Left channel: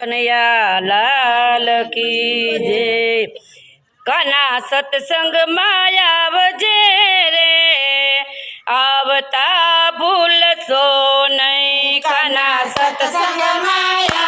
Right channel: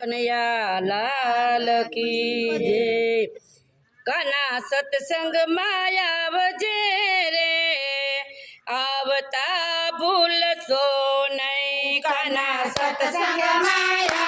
કનૈયા લાલ કી જય કાના સત્સંગમાં આવજે રે. આવતા ભૂલશો નહીં. કના સત્સંગ સત્સંગમાં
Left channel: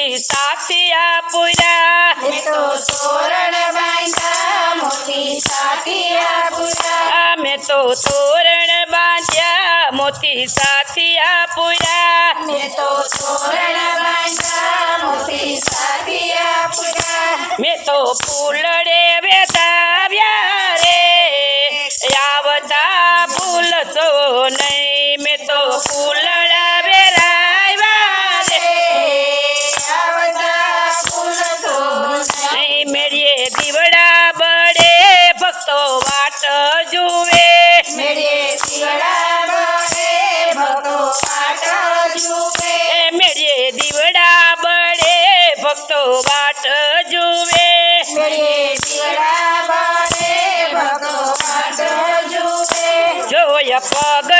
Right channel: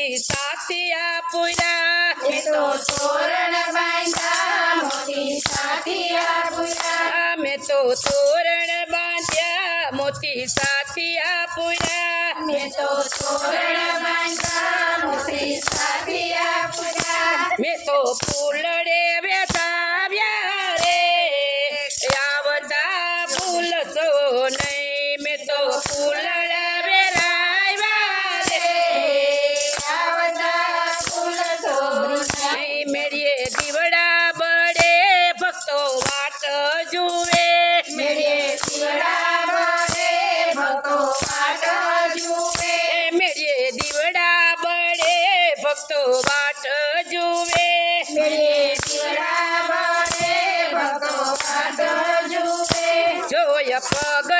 સાથિયા પૂરા તો તોરણ બાંધ્યા મોતી સાથિયા પૂરા અમે તો તોરણ બાંધ્યા મોતી સાથિયા પૂરા મેં તો તોરણ બાંધ્યા મોતી સાથિયા પૂરા મેં તો ફૂલડે વેતાવ્યા રે. આવતા ભૂલશો નહીં. ભક્તો વાટ જુએ. મેળે બળે ભક્તો જુએ. દીવડા બળે ભક્તો વાટ જુએ. મેળે બળે ભક્તો પાટ જુએ. જોય પગથિયા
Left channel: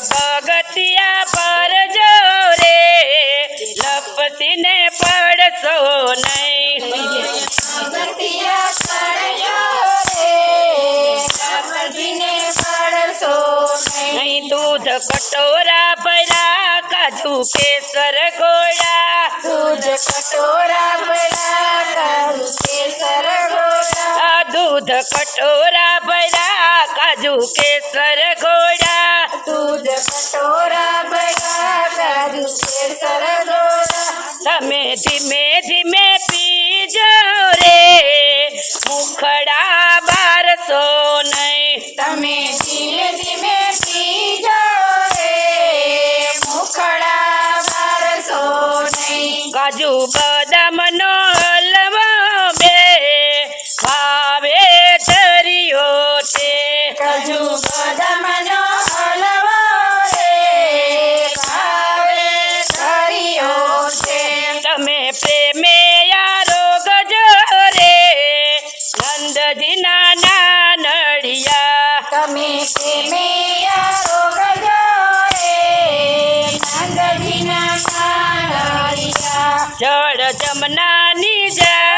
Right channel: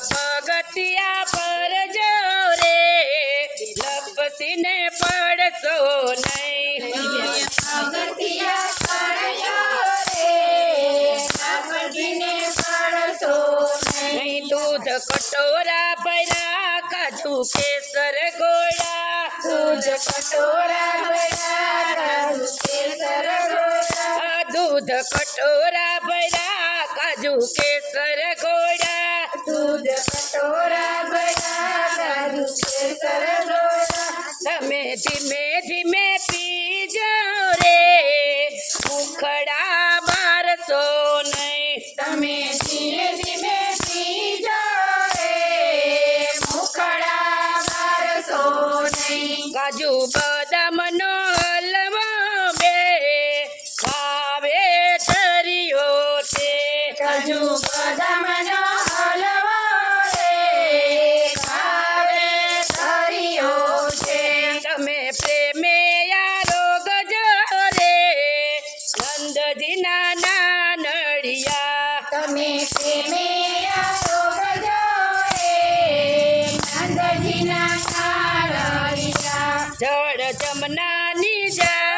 પગથિયા પર જો રે લપસીને પડશો નહીં પગથિયા ચડજો રે તપસીને પડશો નહીં અહીં દૂધ કટોરા ભર્યા કાજુ કેસર ગોળા દૂધ કટોરા ભરા કાજુ કેસર ગોળા આ દૂધ કટોરા ભર્યા કાજુ કેસર ગોળા that man જમનાની જારી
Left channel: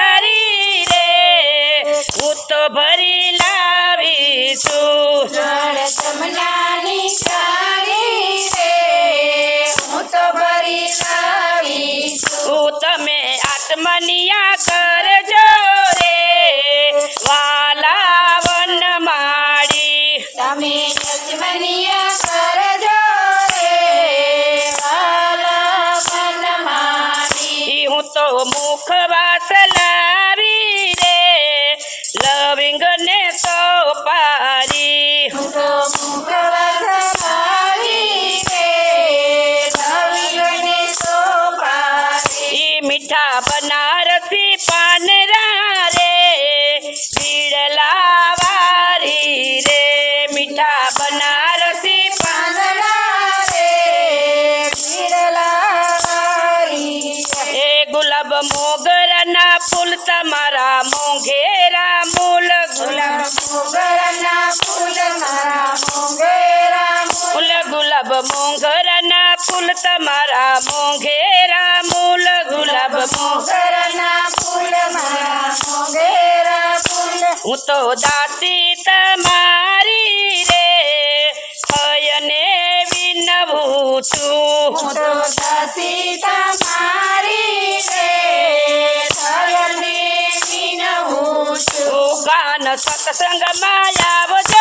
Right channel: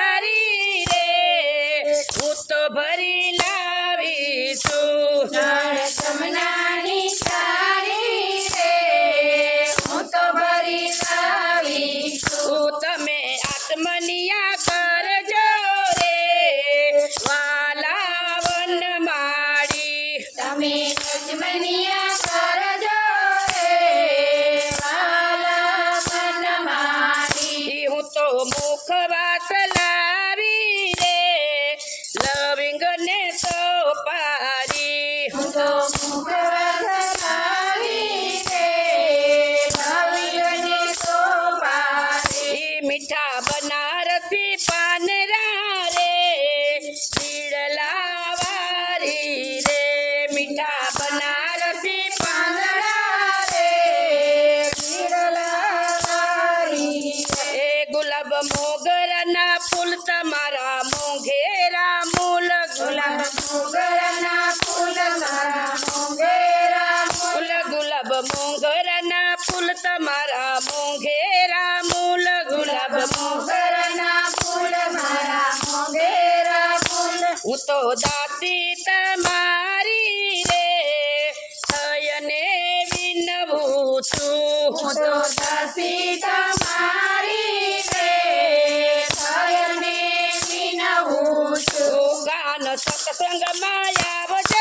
મુખ વાસ લાવી રે લવિંગ ને તો પારી હું તો મુખવાસ લાવી રે લવિંગને સોપારી ઈ મીઠા બનારસી પાનરા રે બીડલા વારી રે મીઠા બનારસી તમારા મોંઘેરા મૂલ ગુલાબ મોગરના ફૂલ મારા મોંઘેરા ફૂલ. હું તો દાતી તમારી રે થયને વિનવું છું. હું તો દાતી તમારી રે થયને વિનવું છું. ગાન સત્સંગમાં આવજો.